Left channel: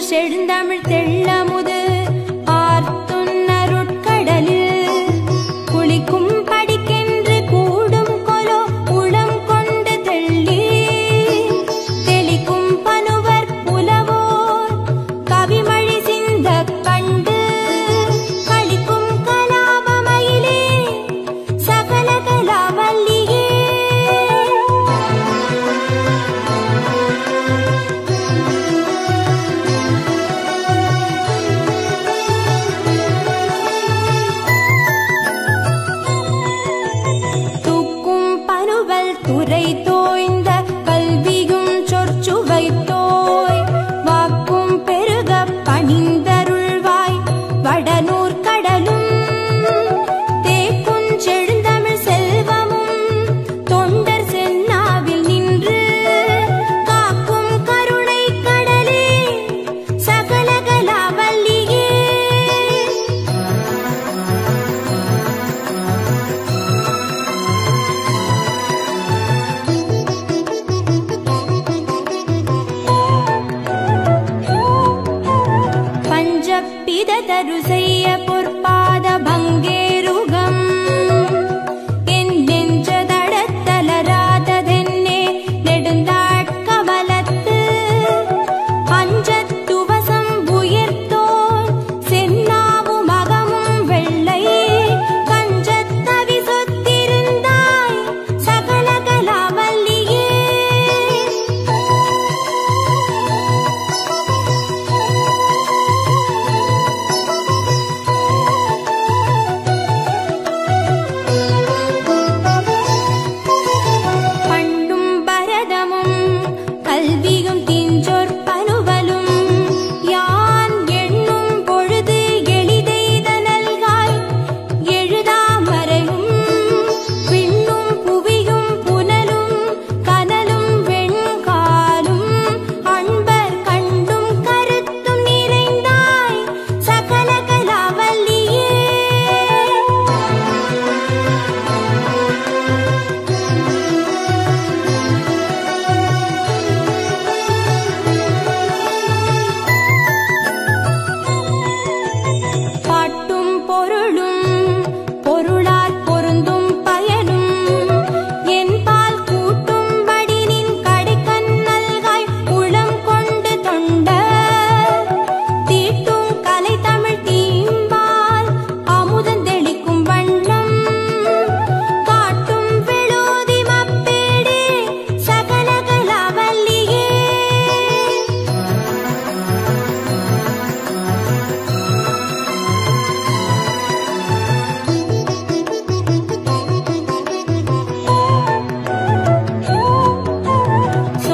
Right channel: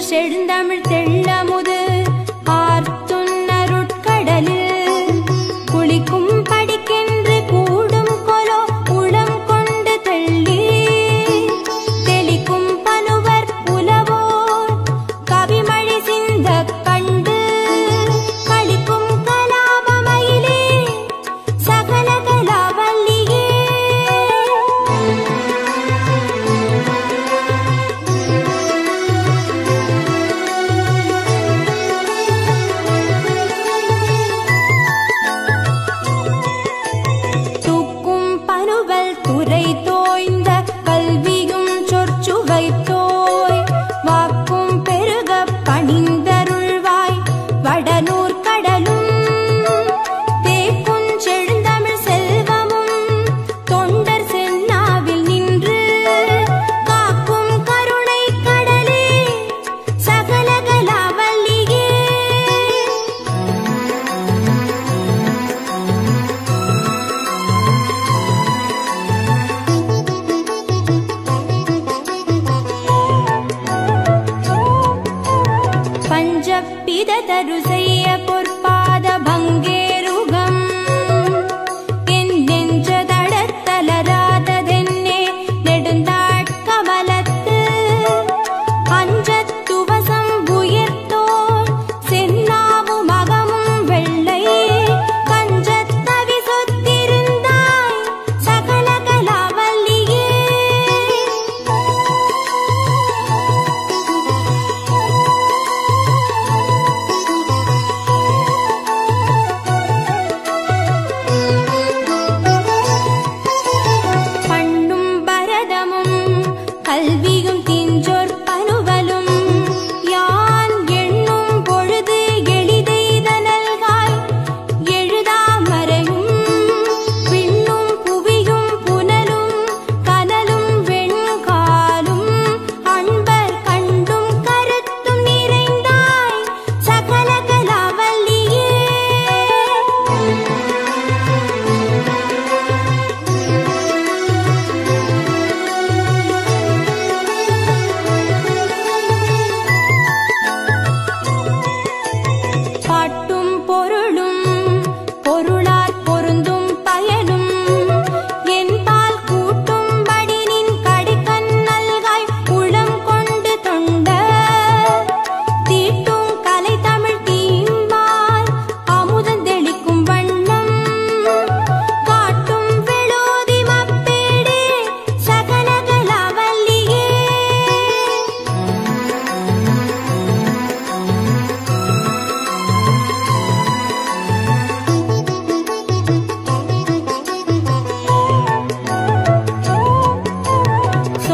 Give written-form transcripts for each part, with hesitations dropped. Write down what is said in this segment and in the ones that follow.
செழுந்தமிழ் தெள்ளமுது ஆர்த்துன்னருட்கடலில் குளிக்கும் படிக்கென்று கூடும் கொலோ உளம் கொண்டு தெள்ளி தெளிக்கும் பனுவர் புலவோர் கவிமழி சிந்த கண்டு களிக்கும் கலாபமயிலே சகல கலாவல்லியே துறை தோய்ந்த கல்வியும் சொற்சுவை தோய் வாக்கும் பெருக பணிந்தருள்வாய் வடநூர் கடலும் தேக்கும் செழுந்தமிழ் செல்வமும் தொண்டர் சென்னாவில் நின்று காக்கும் கருணை கடலே சகல கலாவல்லியே பஞ்சப்பிததரு செய்ய பொற்பாத பங்கேருகம் என் நெஞ்ச தடத்தலராததென்னே நெடுந்தாட்கமலத்து அஞ்சத்துவசம் உயர்த்தோன் சென்னாவு மகமும் வெள்ளை கஞ்சத்தவி சொத்திருந்தாய் சகல கலாவல்லியே கல்வியும் தீஞ்சோர் பனுவலும் யான் எண்ணும் பொழுது எளிதெய்தனல்காய் எழுதாமறையும் பின்னும் புவியும் புனலும் கனலும் வெண்காலும் அன்பர் கண்டும் கருத்தும் நிறைந்தாய் சகல கலாவல்லியே பாட்டும் பொருளும் பொருளார் பொருந்தும் பயனும் என்பால் கூட்டும்படி நின் கடைக்கண் நல்காய் உளம் கொண்டு தொண்ட தீட்டும் கலை தமிழ் தீம்பால் அமுதந்தெளிக்கும் வண்ணம் காட்டும் வெளோதி மப்பேடே சகல கலாவல்லியே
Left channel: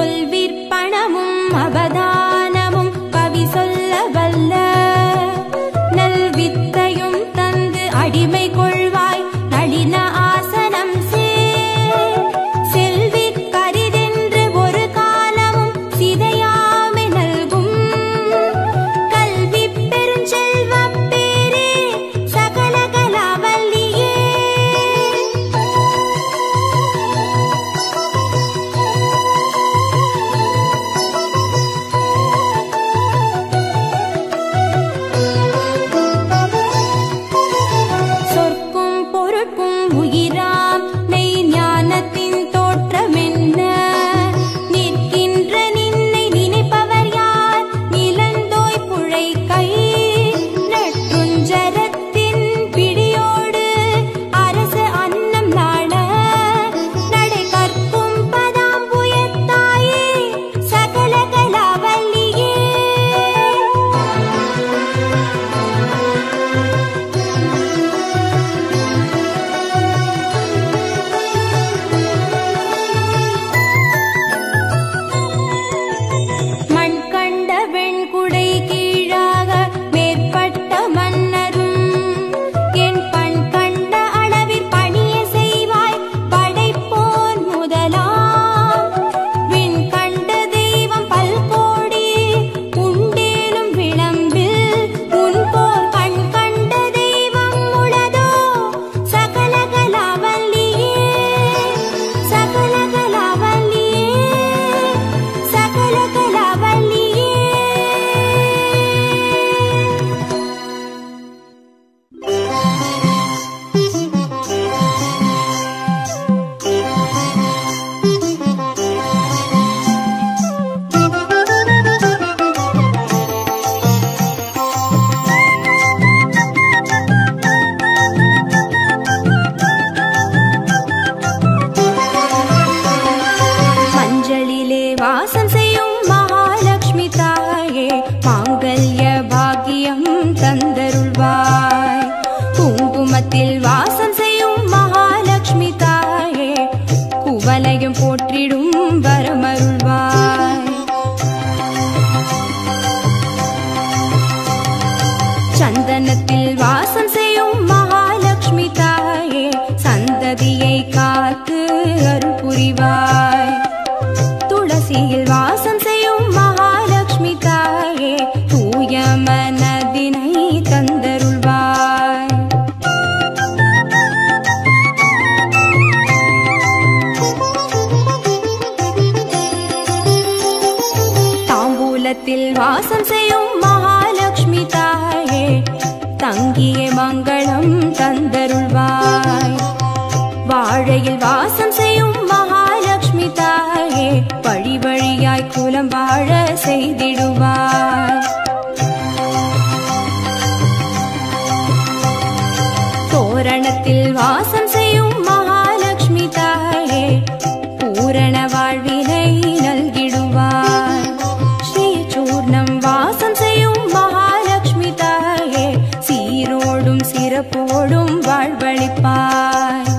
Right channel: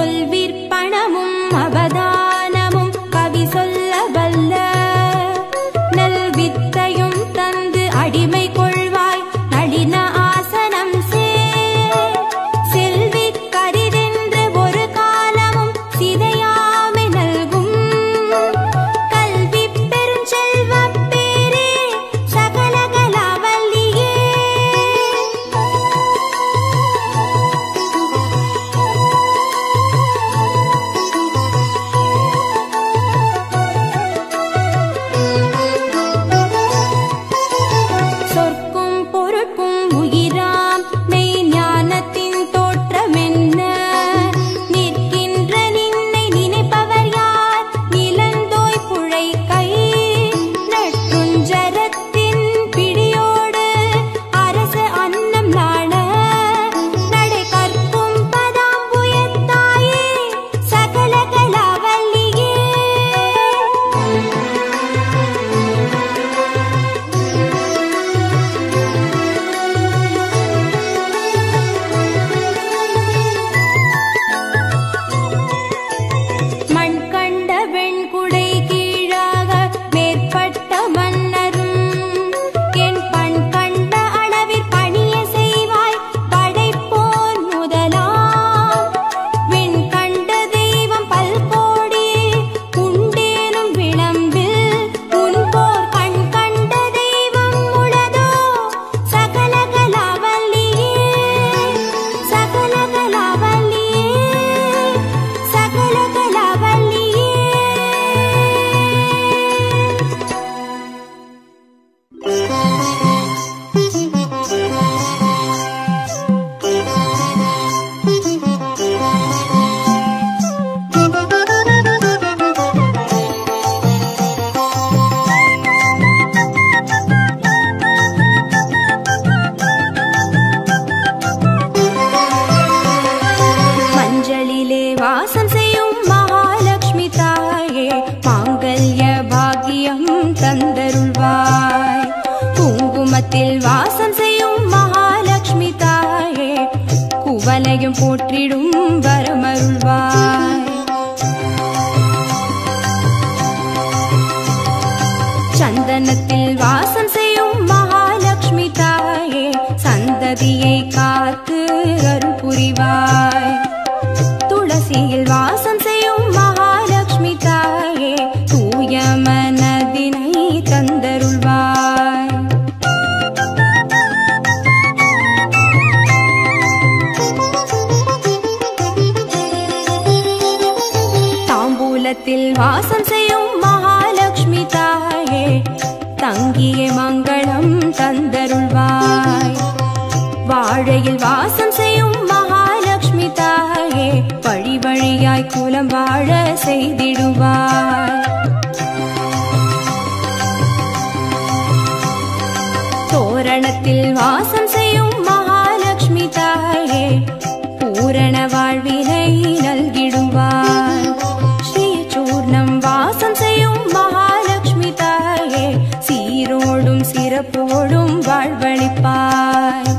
சொல்விற்பணமும் அவதானமும் கவி சொல்ல வல்ல நல்வித்தையும் தந்து அடிமை கொள்வாய் நளின ஆசனம் செல்வி கரிதென்று ஒரு காலமும் சிதையாமை நல்கும் கல்வி பெருஞ்செல்வப் பேரே சகல கலாவல்லியே சொற்கும் பொருட்கும் உயிராம் மெய் ஞானத்தின் தோற்றமென்ன நிற்கின்ற நின்னை நினைப்பவர் யார் நிலந்தோய் புழை கை நற்றுஞ்சரத்தின் பிடியோடு அரசு அன்னம் நாண நடை கற்கும் பதாம்புயத்தாயே சகல கலாவல்லியே மண் கண்ட வெண்குடை கீழாக மேற்பட்ட மன்னரும் என் பண் கண்ட அளவிற் பணிய செய்வாய் படைப்போன் முதலாம் விண் கண்ட தெய்வம் பல்கோடி உண்டேனும் விளம்பில் உன் போர் கண் கண்ட தெய்வம் உளதோ சகல கலாவல்லியே சகல கலாவல்லியே சகல கலாவல்லியே மாங்கல்ய பாக்கியம் தந்தருள்வாய். குங்குமத்தில் வாசம் செய்யும் மகாலட்சுமி தாயே குவலையும் போற்றிடும் வரமருள்வாய். சந்தனத்தில் வாசம் செய்யும் மகாலட்சுமி தாயே சந்ததியை காத்து அருள் புரிவாய். துளசியில் வாசம் செய்யும் மகாலட்சுமி தாயே தூய மனதினை தந்தருள்வாய். தாம்பூலத்தில் வாசம் செய்யும் மகாலட்சுமி தாயே தங்கிய மங்களம் தந்தருள்வாய். வாழையில் வாசம் செய்யும் மகாலட்சுமி தாயே வழி வழியாய் குலம் வாழ செய்திடுவாய். தோரணத்தில் வாசம் செய்யும் மகாலட்சுமி தாயே பூரண வாழ்வினை நல்கிடுவாய். ஸ்ரீ சூர்ணம் வாசம் செய்யும் மகாலட்சுமி தாயே சீரோடும் சிறப்போடும் வாழ்வளிப்பாய்.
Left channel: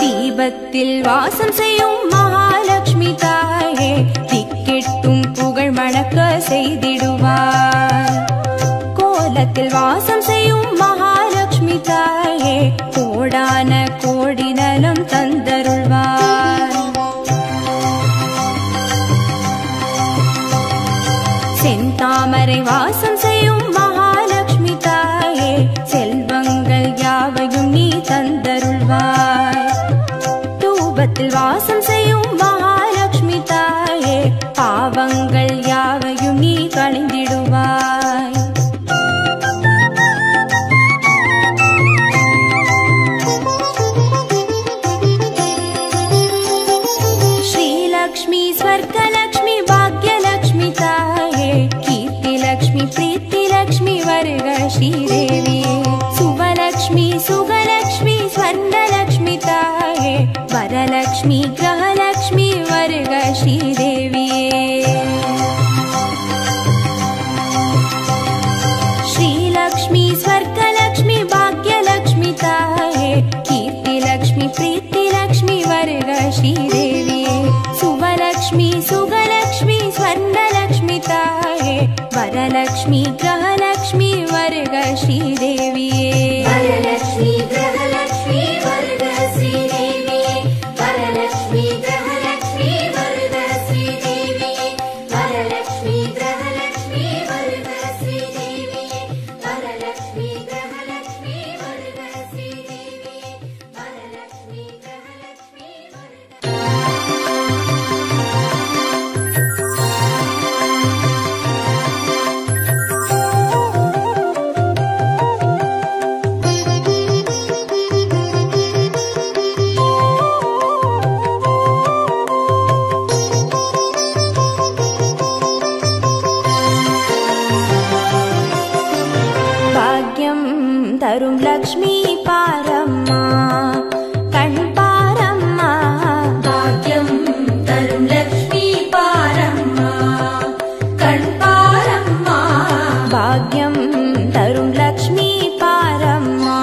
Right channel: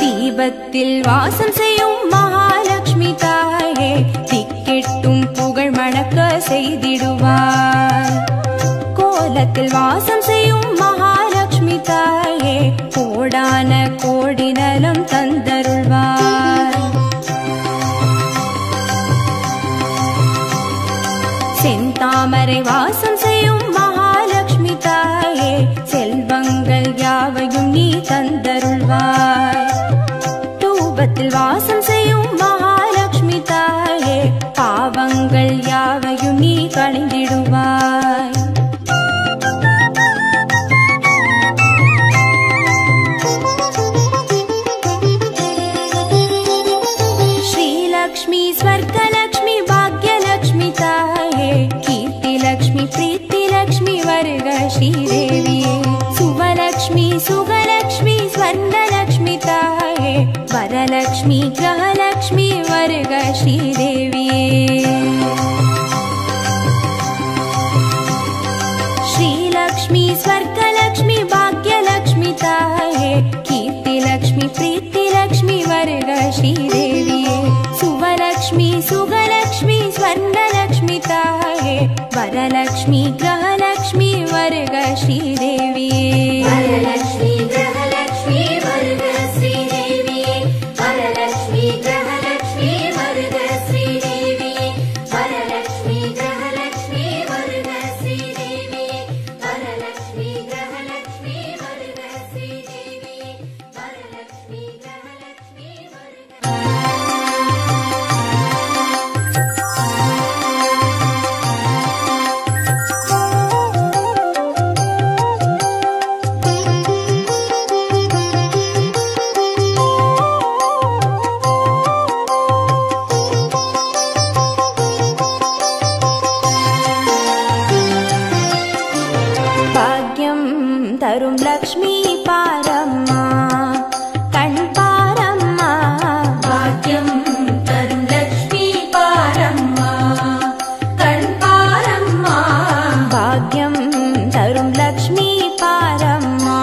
தீபத்தில் வாசம் செய்யும் மகாலட்சுமி தாயே திக்கெட்டும் புகழ் மணக்க செய்திடுவாய். கோலத்தில் வாசம் செய்யும் மகாலட்சுமி தாயே கோடான கோடி நலம் தந்தருள்வாய். செந்தாமரை வாசம் செய்யும் மகாலட்சுமி தாயே செல்வங்கள் யாவையும் நீ தந்தருள்வாய். தூபத்தில் வாசம் செய்யும் மகாலட்சுமி தாயே பாவங்கள் யாவையும் நீ களைந்திடுவாய். श्रीलक्ष्मी स्वर्गलक्ष्मी भाग्यलक्ष्मी ताये कीर्तिलक्ष्मी प्रीतिलक्ष्मी वर्ग श्रीदेवी. सुवलक्ष्मी सुगलक्ष्मी स्वर्णलक्ष्मी ताये वरलक्ष्मी ग्रहलक्ष्मी वर्ग श्रीदेवी. श्रीलक्ष्मी स्वर्गलक्ष्मी भाग्यलक्ष्मी ताये कीर्तिलक्ष्मी प्रीतिलक्ष्मी वर्ग श्रीदेवी. सुवलक्ष्मी सुगलक्ष्मी स्वर्णलक्ष्मी ताये वरलक्ष्मी ग्रहलक्ष्मी वर्ग श्रीदेवी. वरलक्ष्मी ग्रहलक्ष्मी वर्ग श्रीदेवी. वरलक्ष्मी ग्रहलक्ष्मी वर्ग श्रीदेवी. वरलक्ष्मी ग्रहलक्ष्मी वर्ग श्रीदेवी. वरलक्ष्मी ग्रहलक्ष्मी वर्ग श्रीदेवी. वरलक्ष्मी ग्रहलक्ष्मी भाग्यं तरुं लक्ष्मी पारम्मा कण् पारम्मा. भाग्यं तरुं लक्ष्मी पारम्मा कण् पारम्मा. भाग्यं तरुं लक्ष्मी पारम्मा.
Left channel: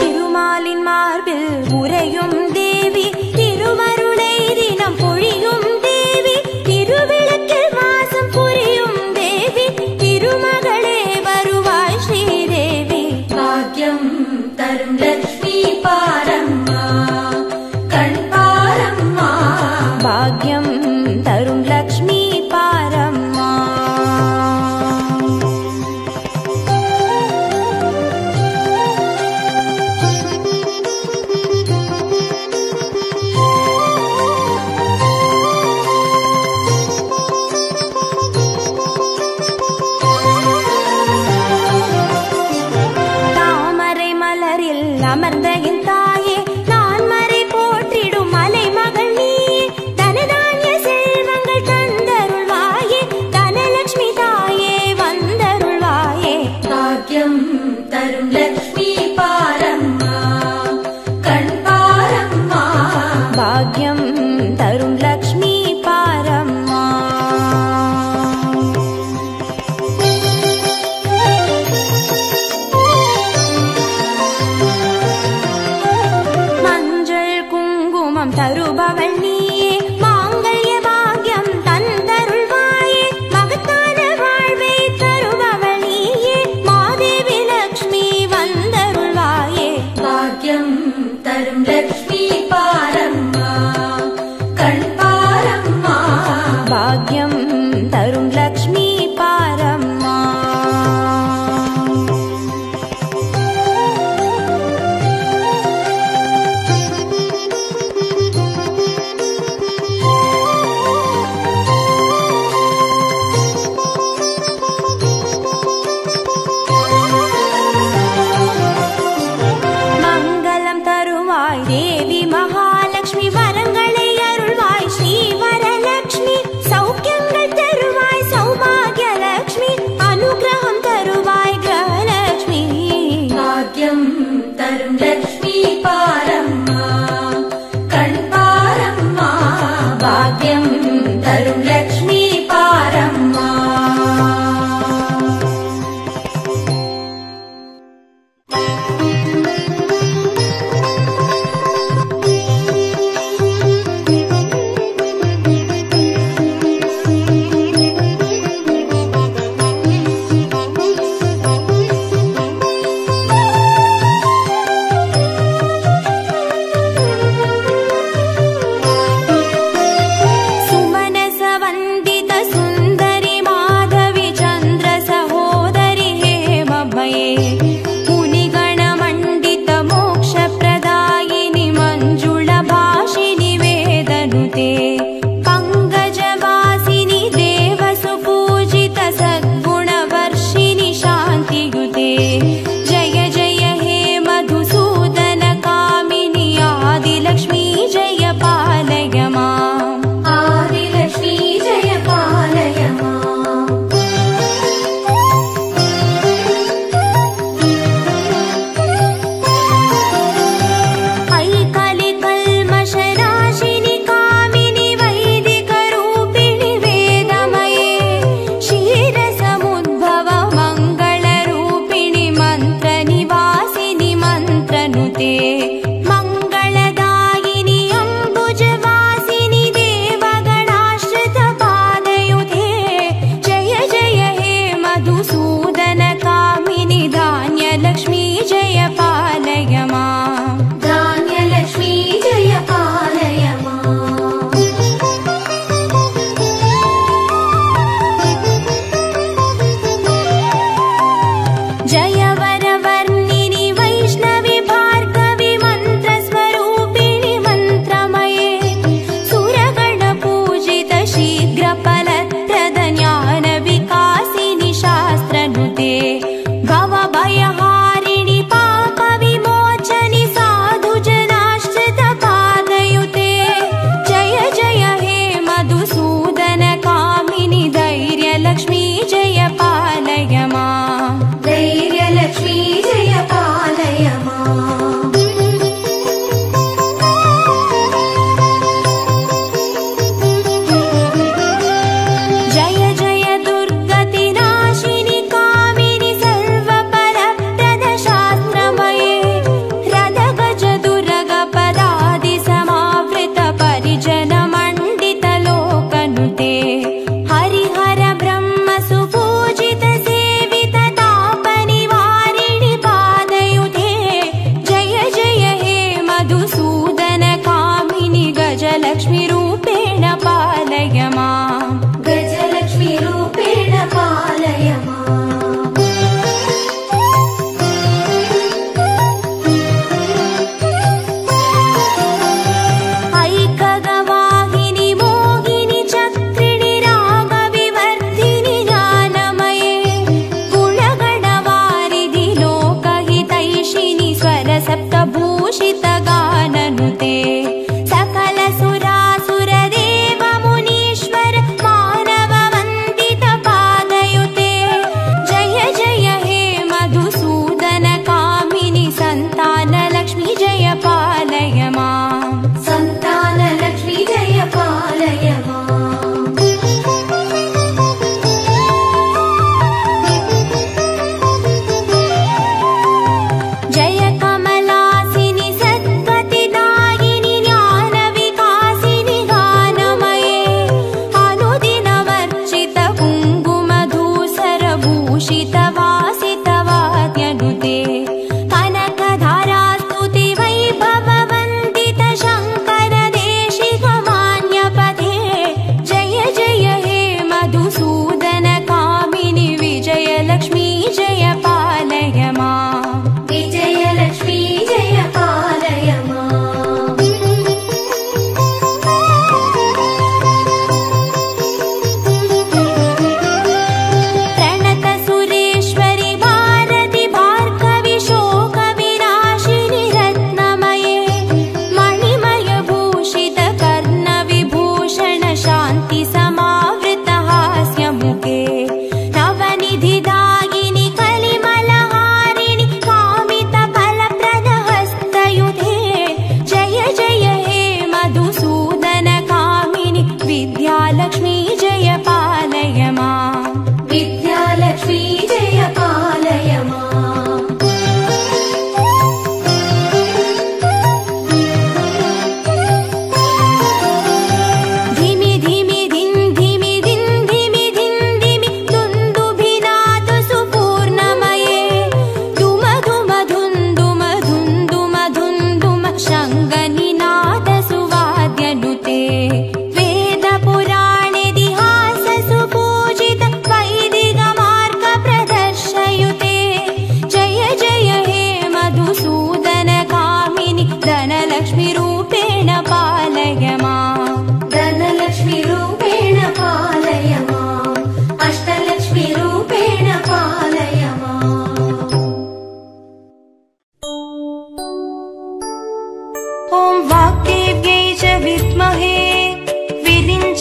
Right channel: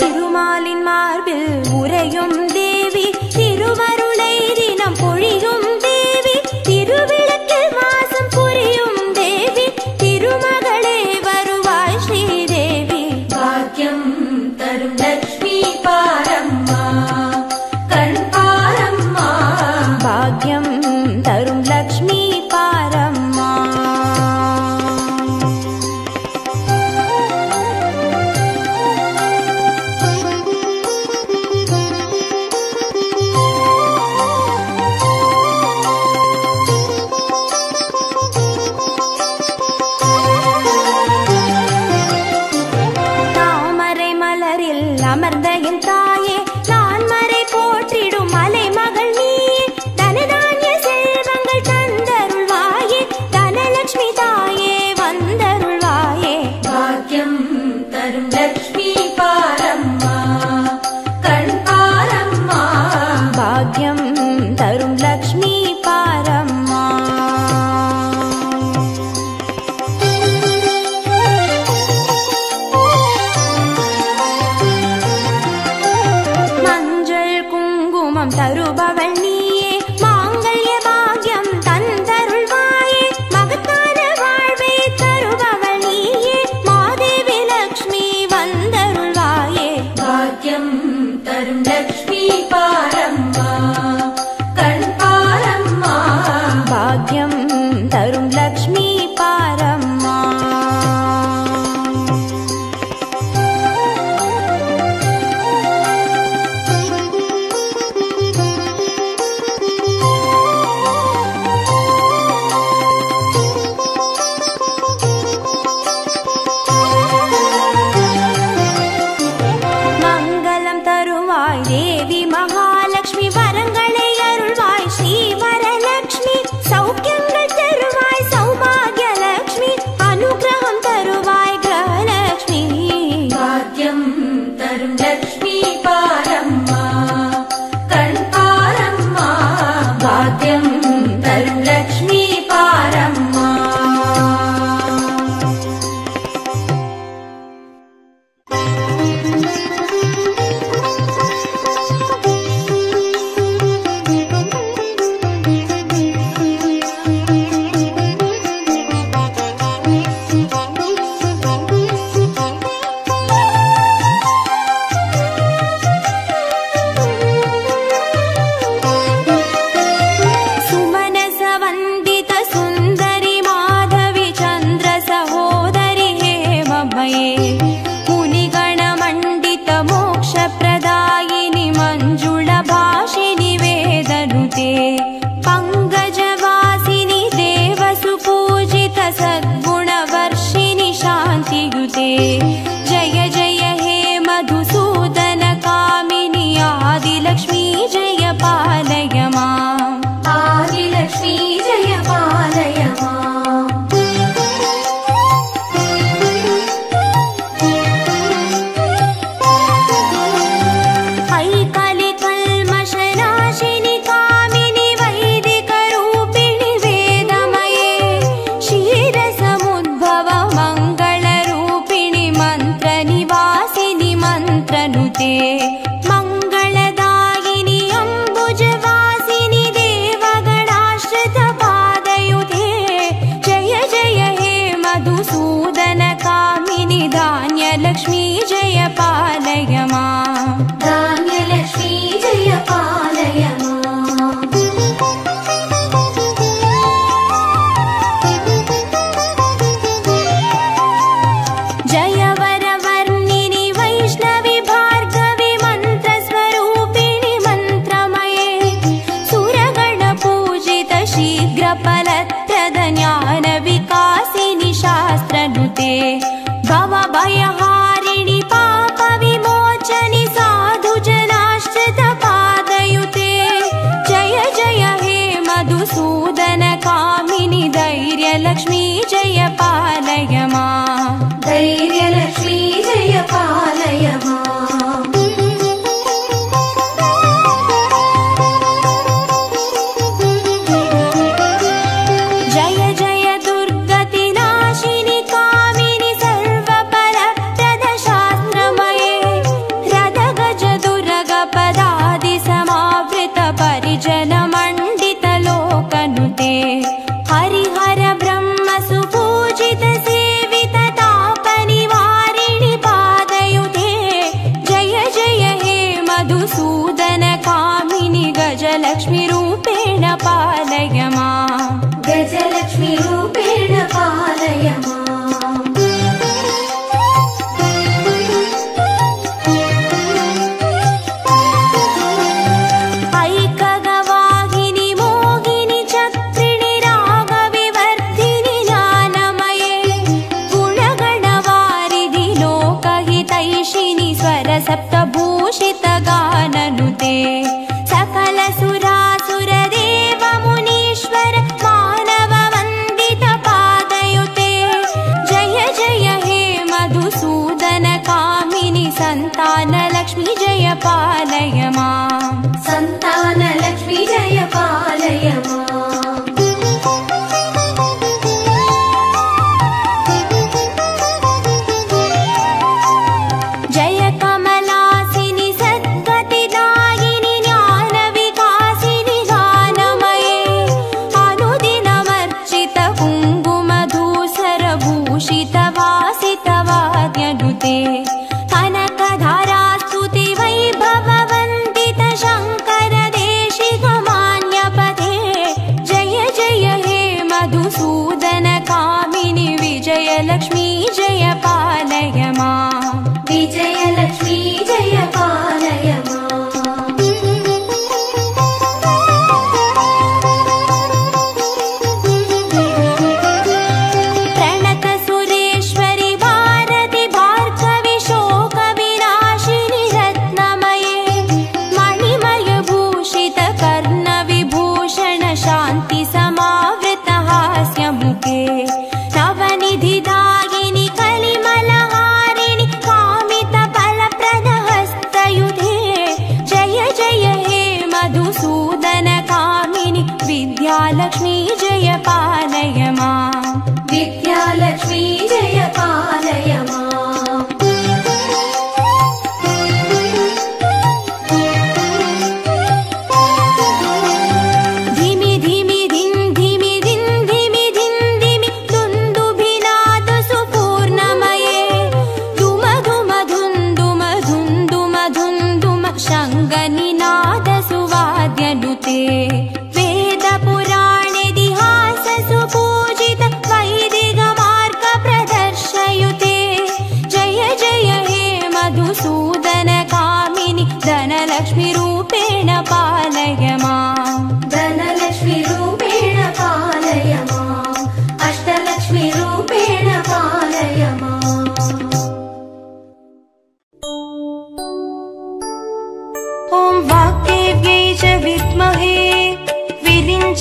திருமாலின் மார்பில் உறையும் தேவி திருவருளை தினம் பொழியும் தேவி. திருவிளக்கில் வாசம் புரியும் தேவி திருமகளே வருவாய் ஸ்ரீதேவி. பாக்கியம் தரும் லக்ஷ்மி பாரம்மா கண் பாரம்மா. பாக்கியம் தரும் லக்ஷ்மி பாரம்மா. அமர்ந்த என் தாயே நான் மறை போற்றிடும் மலை மகள் நீயே தனதானிய செல்வங்கள் தந்தருள் तरुं लक्ष्मी पारम्मा देवी महालक्ष्मी वरंगळे अरुळ्वाय श्री वरलक्ष्मी सौख्यंगळ तरुवाय सौभाग्यलक्ष्मी अनुग्रहं तरुवाय गृहलक्ष्मी भाग्यं तरुं लक्ष्मी पारम्मा कण्पारम्मा भाग्यं तरुं लक्ष्मी पारम्मा मुनिगणमण्डित मोक्षप्रदायिनि मञ्जुळभाषिनि वेदनुते पङ्कजवासिनि देवसुपूजित सद्गुणवर्षिणि शान्तियुते जय जय हे मधुसूदन कामिनि आदिलक्ष्मी जय पालय माम् आदिलक्ष्मी जय पालय माम् कलिकल्मषनाशिनि कामिनि वैदिकरूपिणि वेदमये क्षीरसमुद्भव मङ्गलरूपिणि मन्त्रनिवासिनि मन्त्रनुते मङ्गलदायिनि अम्बुजवासिनि देवगणाश्रितपादयुते जय जय हे मधुसूदन कामिनि धान्यलक्ष्मी जय पालय माम् धान्यलक्ष्मी जय पालय माम् जय वरवर्णिनि वैष्णवि भार्गवि मन्त्रस्वरूपिणि मन्त्रमये सुरगणपूजित शीघ्रफलप्रद ज्ञानविकासिनि शास्त्रनुते भवभयहारिणि पापविमोचनि साधुजनाश्रितपादयुते जय जय हे मधुसूदन कामिनि धैर्यलक्ष्मी जय पालय माम् धैर्यलक्ष्मी जय पालय माम् जय जय दुर्गतिनाशिनि कामिनि सर्वफलप्रद शास्त्रमये रदगज दुर्गपदादि समावृत परिजनमण्डित लोकनुते हरिहर ब्रह्म सुपूजित सेवित तापनिवारिणि पादयुते जय जय हे मधुसूदन कामिनि गजलक्ष्मी रूपेण पालय माम् गजलक्ष्मी रूपेण पालय माम् ऐकगवाहिनि मोहिनि चक्रिणि रागविवर्धिनि ज्ञानमये गुणगणवारिधि लोकहितैषिणि स्वरसप्तभूषित गाननुते सकल सुरासुरदेव मुनीश्वर मानव वन्दित पादयुते जय जय हे मधुसूदन कामिनि सन्तानलक्ष्मी जय पालय माम् सन्तानलक्ष्मी जय पालय माम् जय कमलासिनि सद्गतिदायिनि ज्ञानविकासिनि गानमये अनुदिनमर्चित कुङ्कुमधूसरभूषित वासितवाद्यनुते कनकधारास्तुति वैभववन्दित शङ्कर देशिकमान्यपते जय जय हे मधुसूदन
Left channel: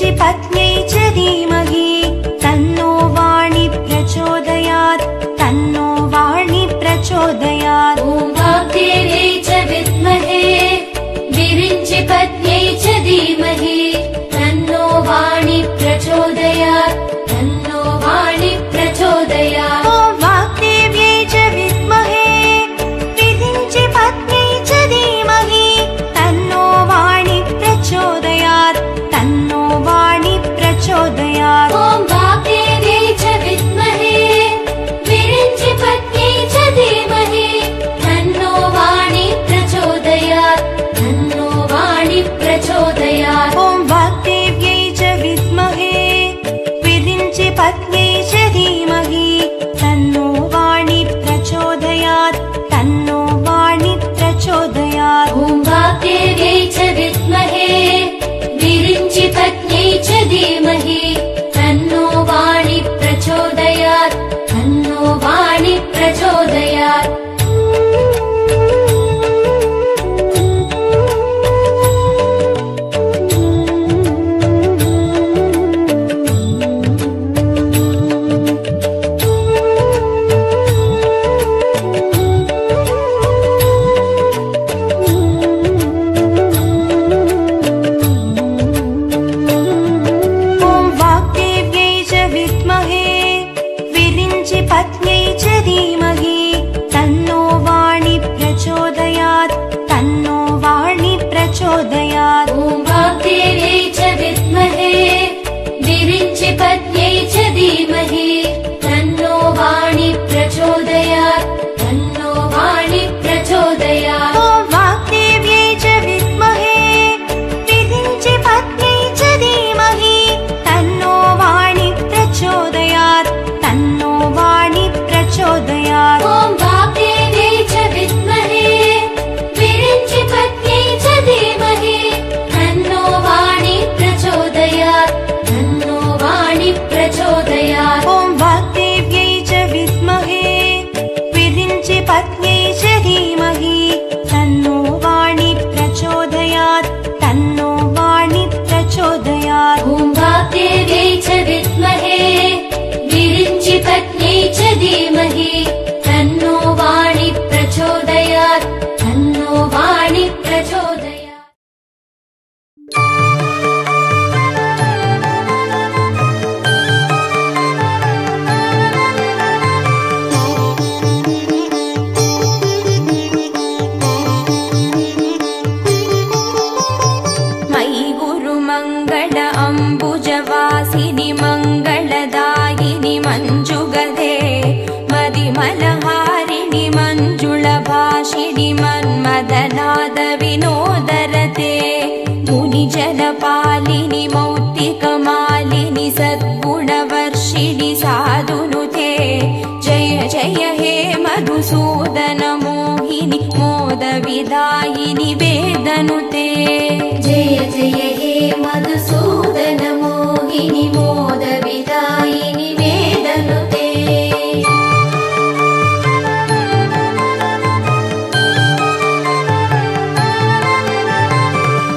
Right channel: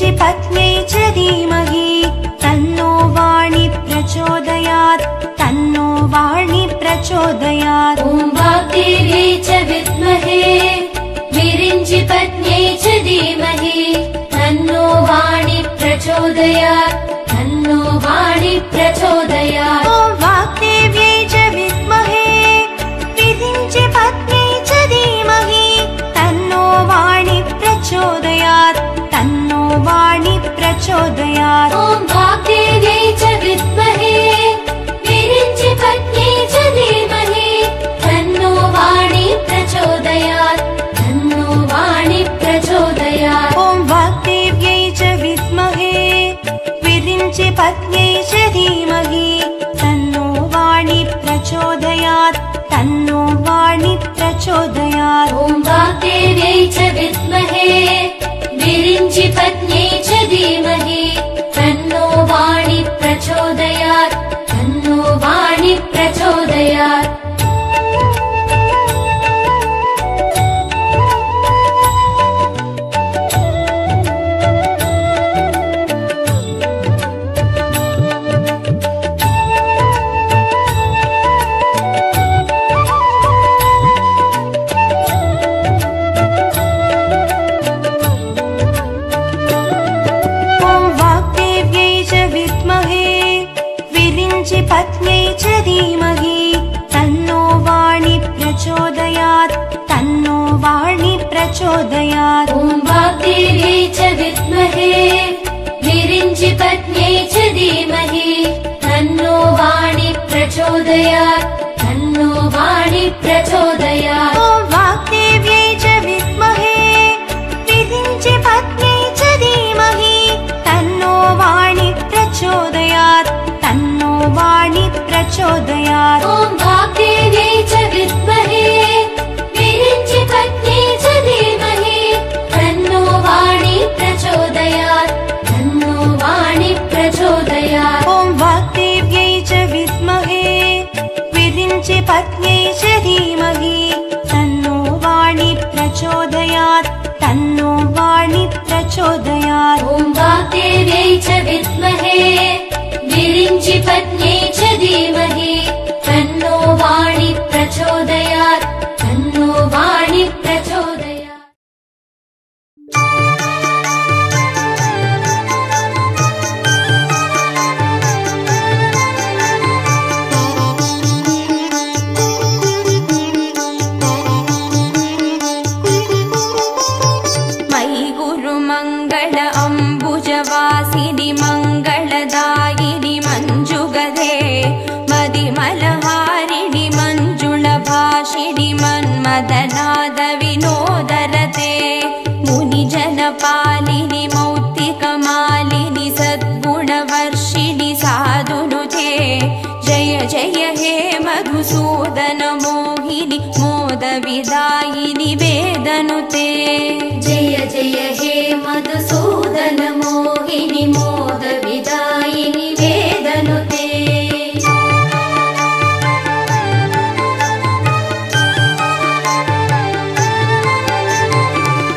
विरिञ्चि पत्न्यै च धीमहि तन्नो वाणी प्रचोदयात् तन्नो वाणी प्रचोदयात्। ॐ वाग्देव्यै च विद्महे विरिञ्चि पत्न्यै च धीमहि तन्नो वाणी प्रचोदयात् तन्नो वाणी प्रचोदयात्। ॐ वाग्देव्यै च विद्महे विरिञ्चि पत्न्यै च धीमहि तन्नो वाणी प्रचोदयात् तन्नो वाणी प्रचोदयात्। ॐ वाग्देव्यै च विद्महे विरिञ्चि पत्न्यै च धीमहि तन्नो वाणी प्रचोदयात् तन्नो वाणी प्रचोदयात्। ॐ वाग्देव्यै च विद्महे विरिञ्चि पत्न्यै च धीमहि तन्नो वाणी प्रचोदयात् तन्नो वाणी प्रचोदयात्। ॐ वाग्देव्यै च विद्महे विरिञ्चि पत्न्यै च धीमहि तन्नो वाणी प्रचोदयात् तन्नो वाणी प्रचोदयात्। पत्न्यै च धीमहि तन्नो वाणी प्रचोदयात् तन्नो वाणी प्रचोदयात्। ॐ वाग्देव्यै च विद्महे विरिञ्चि पत्न्यै च धीमहि तन्नो वाणी प्रचोदयात् तन्नो वाणी प्रचोदयात्। ॐ वाग्देव्यै च विद्महे विरिञ्चि पत्न्यै च धीमहि तन्नो वाणी प्रचोदयात् तन्नो वाणी प्रचोदयात्। ॐ वाग्देव्यै च विद्महे विरिञ्चि पत्न्यै च धीमहि तन्नो वाणी प्रचोदयात् तन्नो वाणी प्रचोदयात्। ॐ वाग्देव्यै च विद्महे विरिञ्चि पत्न्यै च धीमहि तन्नो वाणी प्रचोदयात् तन्नो वाणी प्रचोदयात्। ॐ वाग्देव्यै च विद्महे विरिञ्चि पत्न्यै च धीमहि तन्नो वाणी प्रचोदयात् तन्नो वाणी प्रचोदयात्। मयि गुरुमङ्गल अम्बुजवासिनि मङ्गलदायिनि मञ्जुगधे मदिमलहारिणि मञ्जुळभाषिणि मन्मदनाद विनोदरते मुनिजनपालिनि मौक्तिकमालिनि सद्गुणवर्षिणि साधुनुते जय जय हे मधुसूदन मोहिनि मोदविदायिनि वेदनुते। जय जय हे मधुसूदन मोहिनि मोदविदायिनि वेदनुते।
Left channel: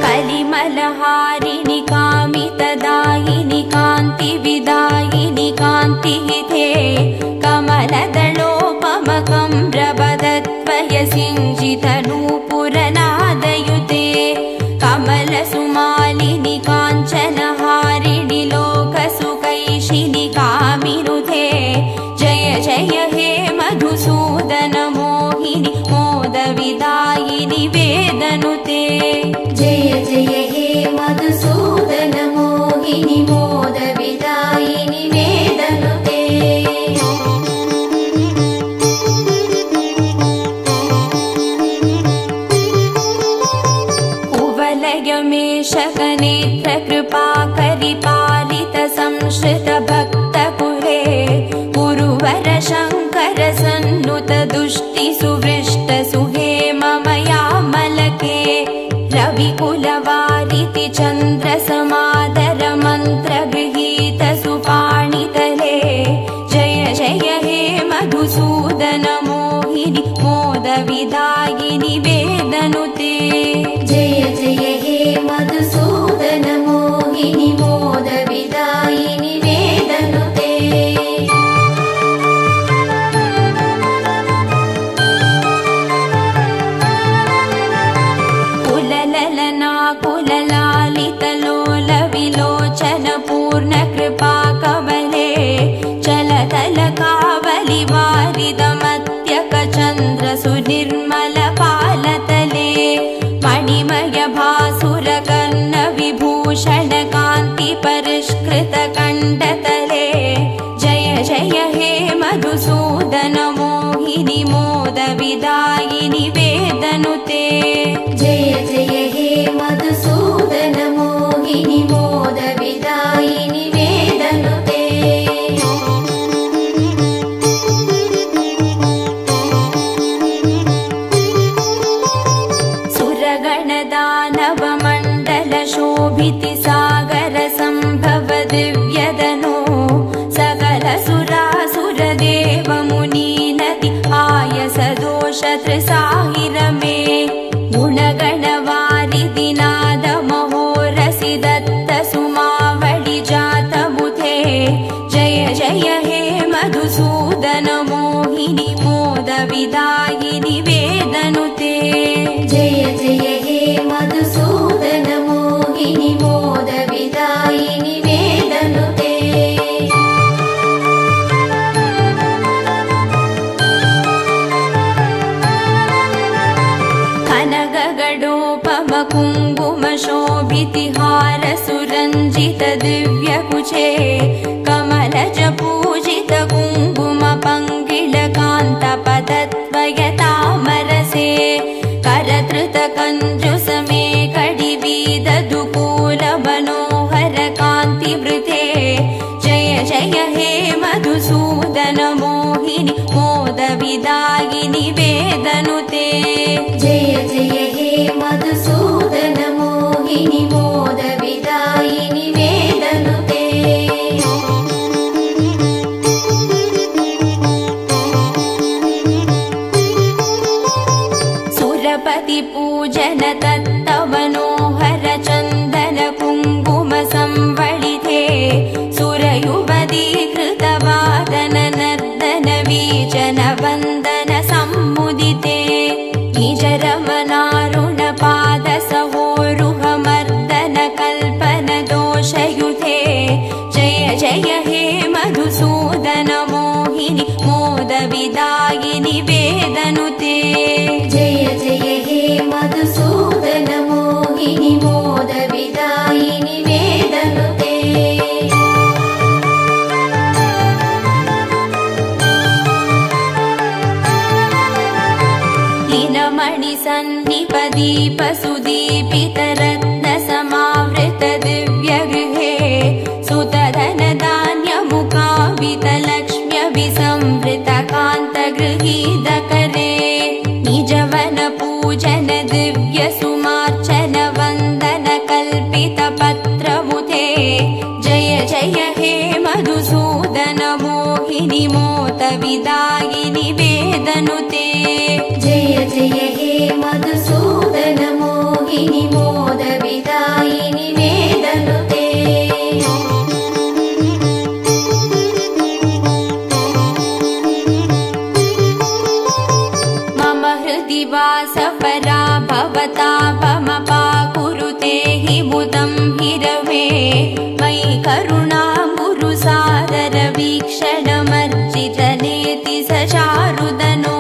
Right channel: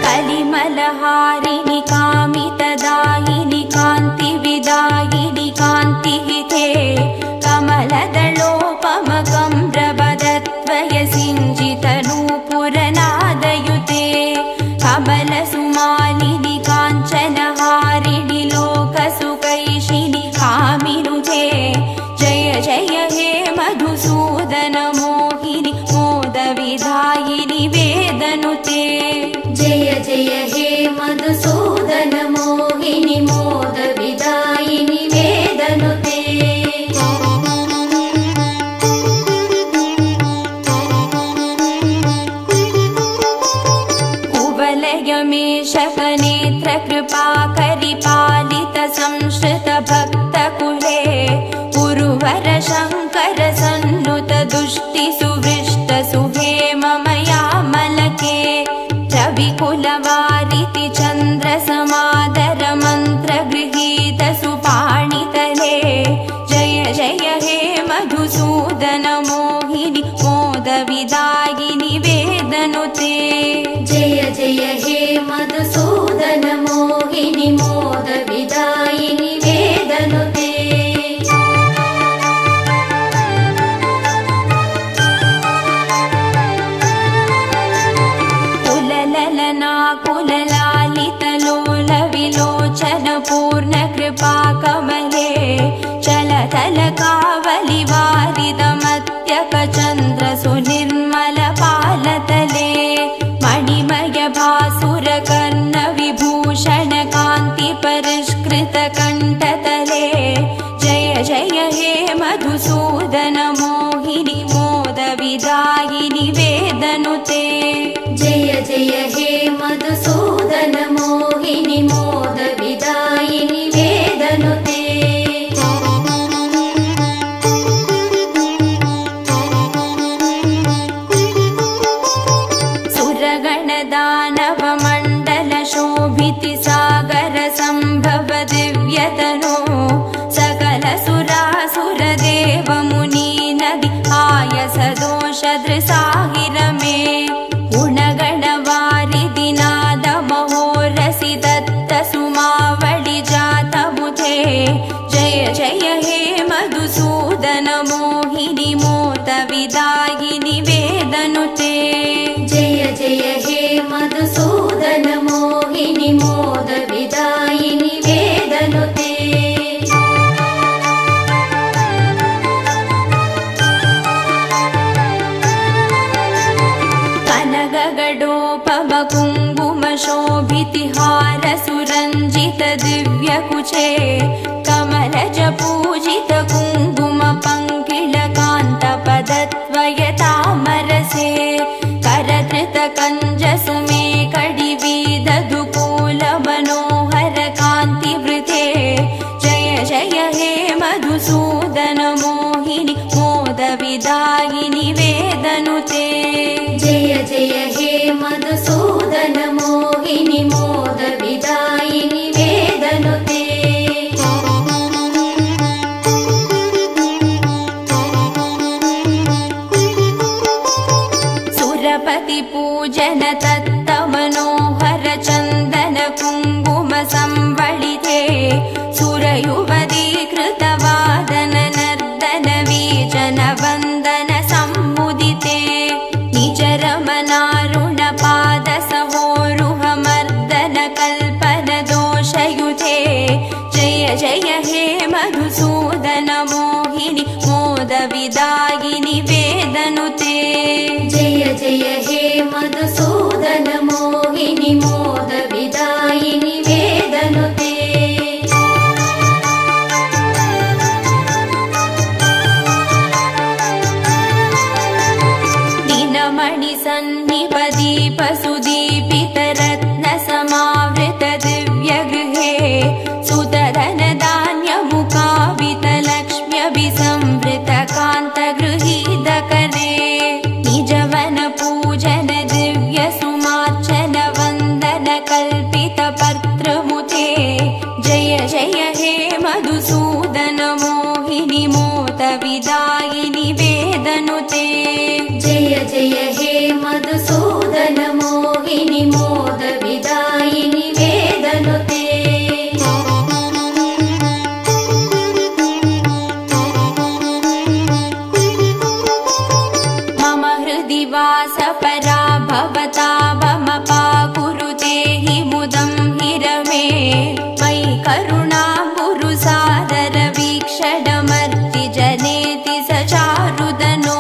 कलिमलहारिणि कामितदायिनि कान्तिविदायिनि कान्तिहिते कमलदलोपमकम्रवदत्वयसिञ्जितनूपुरनादयुते कमलसुमालिनि काञ्चनहारिणि लोकसुकैशिनि कामिनुते जय जय हे मधुसूदन मोहिनि मोदविदायिनि वेदनुते। जय जय हे मधुसूदन मोहिनि मोदविदायिनि वेदनुते। कुवलयमेषकनेत्र कृपाकरिपालित संश्रित भक्तकुले गुरुवर शङ्कर सन्नुत दुष्टि सुवृष्ट सुहेममयामलके रविकुलवारिति चन्द्र समादर मन्त्र गृहीत सुपाणितले जय जय हे मधुसूदन मोहिनि मोदविदायिनि वेदनुते। जय जय हे मधुसूदन मोहिनि मोद चलतलकावलिवारिदमत्यकचन्द्रसुनिर्मलपालतले मणिमयभासुरकर्णविभूषणकान्तिपरिष्कृतकण्ठतले जय जय हे मधुसूदन मोहिनि मोदविदायिनि वेदनुते जय जय हे मधुसूदन मोहिनि मोदविदायिनि वेदनुते सुरगणदानवमण्डलशोभितिसागर सम्भव दिव्यदनो सकलसुरासुरदेवमुनि नदि आयसदोषदृसाहिरमे गुणगणवारिदिनादमहोरसि दत्तसुमावळिजातमुथे जय जय हे मधुसूदन मोहिनि मोदविदायिनि वेदनुते जय जय हे मधुसूदन मोहिनि मोदविदायिनि वेदनुते कनकगडोपमकुङ्कुमशोभितिहार सुरञ्जित दिव्यकुचे कमलज पूजित कुङ्कुम पङ्किलकान्तपदद्वयतामरसे करधृत कञ्जसमे कडिवीदधुकूल मनोहर कान्तिवृते जय जय हे मधुसूदन मोहिनि मोदविदायिनि वेदनुते जय जय हे मधुसूदन मोहिनि मोदविदायिनि वेदनुते सुरपति पूजन तत्त मनोहर चन्दन कुङ्कुम संवलिते सुरयुवती कृतवादन नर्दन वीचन वन्दन सम्मुदिते निज रमनारुण पाद सहोरुह मर्दन कल्पन दोषयुते जय जय हे मधुसूदन मोहिनि मोदविदायिनि वेदनुते जय जय हे मधुसूदन मोहिनि मोदविदायिनि वेदनुते दिनमणि सन्निपदीप सुदीपित रत्न समावृत दिव्यगृहे सुतधन धान्य मुखावित लक्ष्म्यभिसंवृत कान्त गृहीतकरे निजवन पूजन दिव्य सुमार्चन वन्दन कल्पित पत्रमुते जय जय हे मधुसूदन मोहिनि मोदविदायिनि वेदनुते जय जय हे मधुसूदन मोहिनि मोदविदायिनि वेदनुते मम हृदि वासपरा भवता भमपाकुरुते हि मुदं हिरवे मयि करुणा गुरु सादर वीक्षणमर्जि जनेति स चारुदनो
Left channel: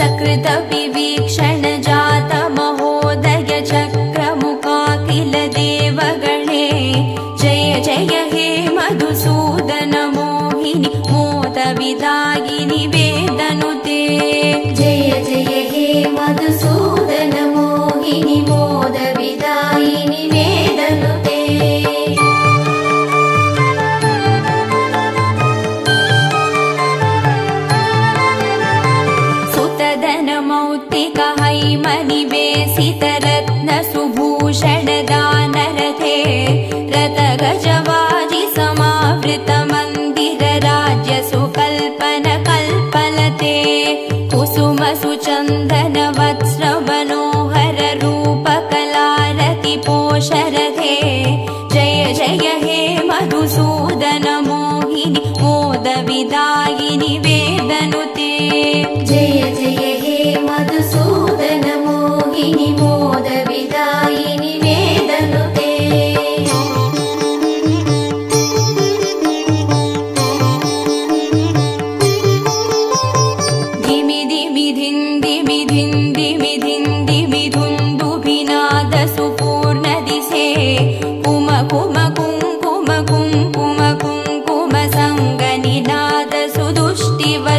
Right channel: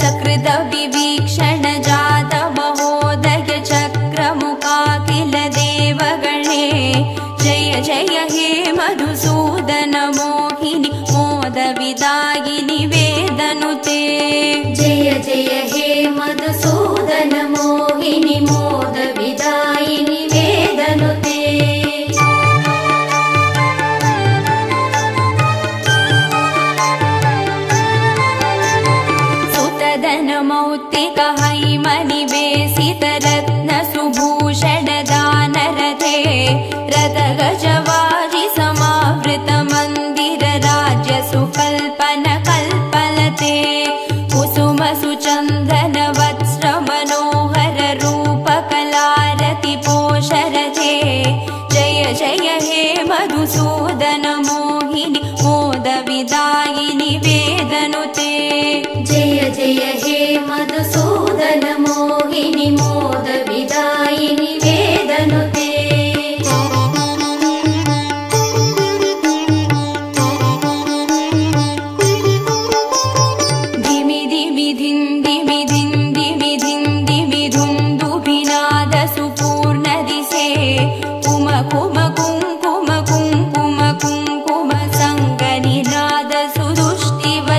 सकृत विवीक्षण जात महोदय चक्रमुखाखिल देवगणे जय जय हे मधुसूदन मोहिनि मोदविदायिनि वेदनुते जय जय हे मधुसूदन मोहिनि मोदविदायिनि वेदनुते सुतधन मौक्तिक हैमनिवेशित रत्न सुभूषण दानरथे रथ गजवाजि समावृत मन्दिर राज्य सुकल्पन कल्पलते कुसुम सुचन्दन वत्स्र मनोहर रूप कलारति पोषरथे जय जय हे मधुसूदन मोहिनि मोदविदायिनि वेदनुते जय जय हे मधुसूदन मोहिनि मोदविदायिनि वेदनुते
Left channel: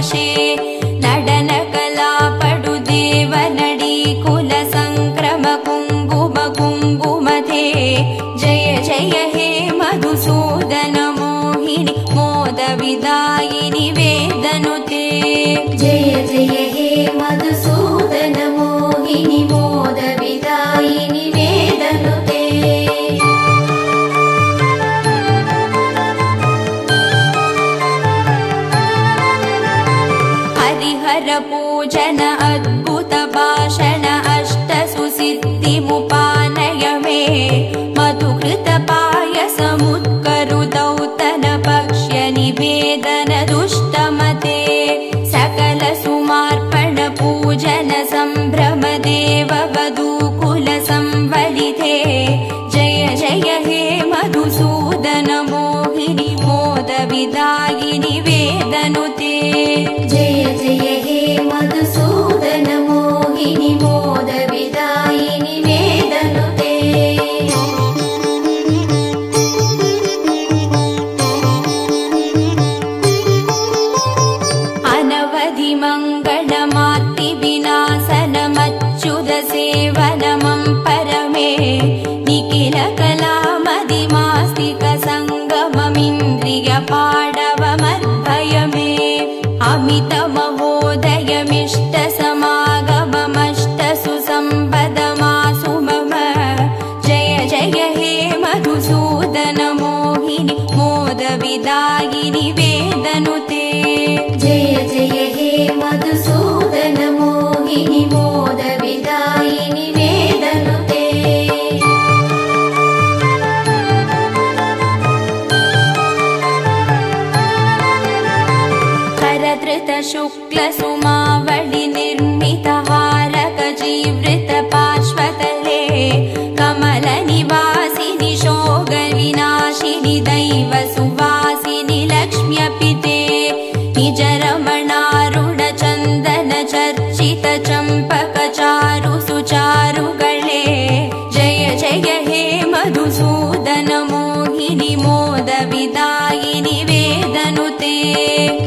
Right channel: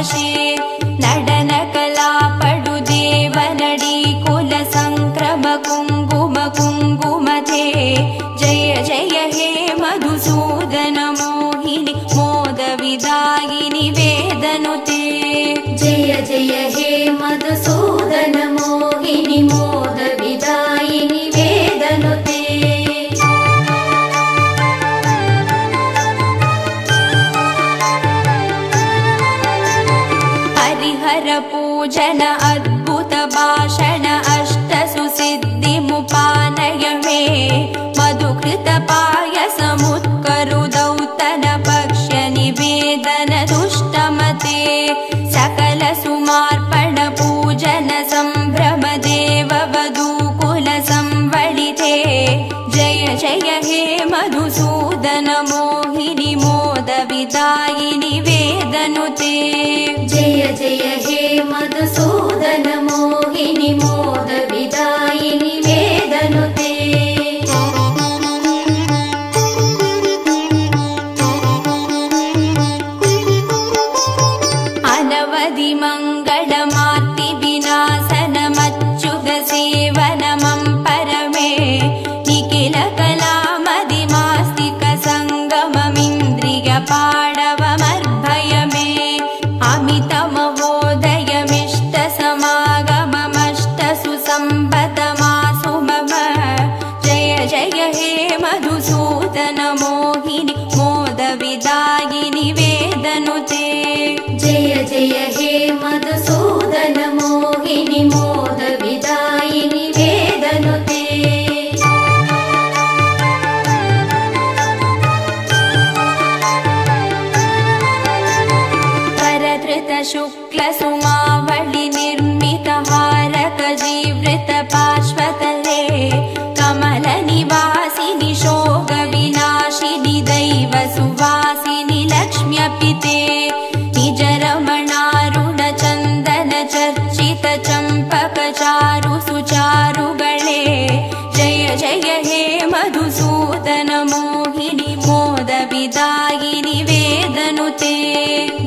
वशे नडन कला पडु देवनडी कुल संक्रम कुंगुम कुंगुमते जय जय हे मधुसूदन मोहिनी मोद विदायिनि वेदनुते जय जय हे मधुसूदन मोहिनी मोद विदायिनि वेदनुते हरिहर पूजन अद्भुत भाषण अष्ट सुसिद्धिमुपानय मे मधुकृत पायसमुत्करु दौतन पक्ष्य निवेदन दुष्टमते सकल सुमार्पण पूजन संभ्रम देव वधूकुल संवलिते जय जय हे मधुसूदन मोहिनी मोद विदायिनि वेदनुते जय जय हे मधुसूदन मोहिनी मोद विदायिनि वेदनुते अनवधि मंगलमार्ति विनाशनमच्युत सेवनमं परमे निखिल कलामदिमास्तिक संगममिन्द्रिय पाडवमर्भय मे अमित महोदयमिष्ट समागममष्ट सुसंपदमासु मम जय जय हे मधुसूदन मोहिनी मोद विदायिनि वेदनुते जय जय हे मधुसूदन मोहिनी मोद विदायिनि वेदनुते करधृत शुक्ल सुमावळि निर्मित हारक जीवृत पार्श्वतले कमल निवासिनि शोगविनाशिनि दैव सुवासिनि लक्ष्म्यपिते निज रमणारुण चन्दन चर्चित चम्पक चारु सुचारुगळे जय जय हे मधुसूदन मोहिनी मोद विदायिनि वेदनुते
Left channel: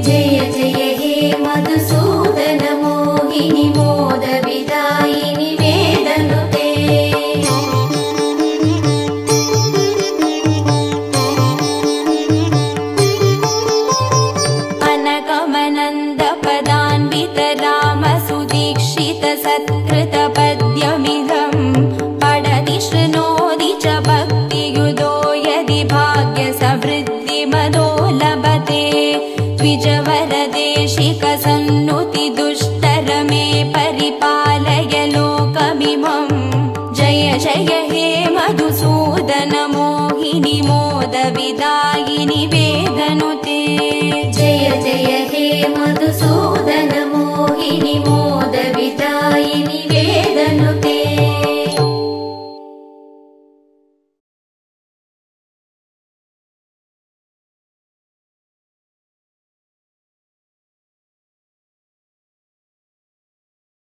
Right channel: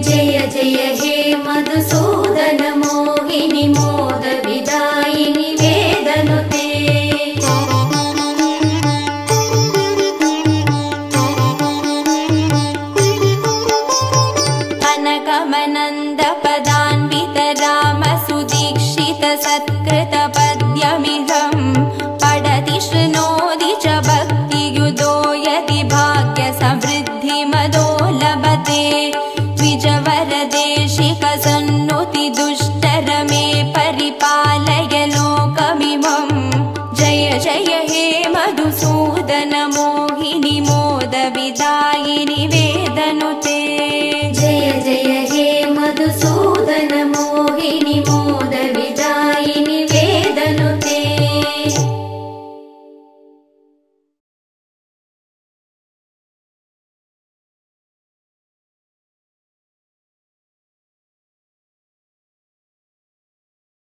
जय जय हे मधुसूदन मोहिनी मोद विदायिनि वेदनुते अनगमनन्द पदान्वित राम सुदीक्षित सत्कृत पद्यमिदम् पठति शृणोति च भक्तियुतो यदि भाग्य समृद्धि मदो लभते द्विजवरदेशिक सन्नुति दुष्टर मे परिपालय लोकमिमम् जय जय हे मधुसूदन मोहिनी मोद विदायिनि वेदनुते जय जय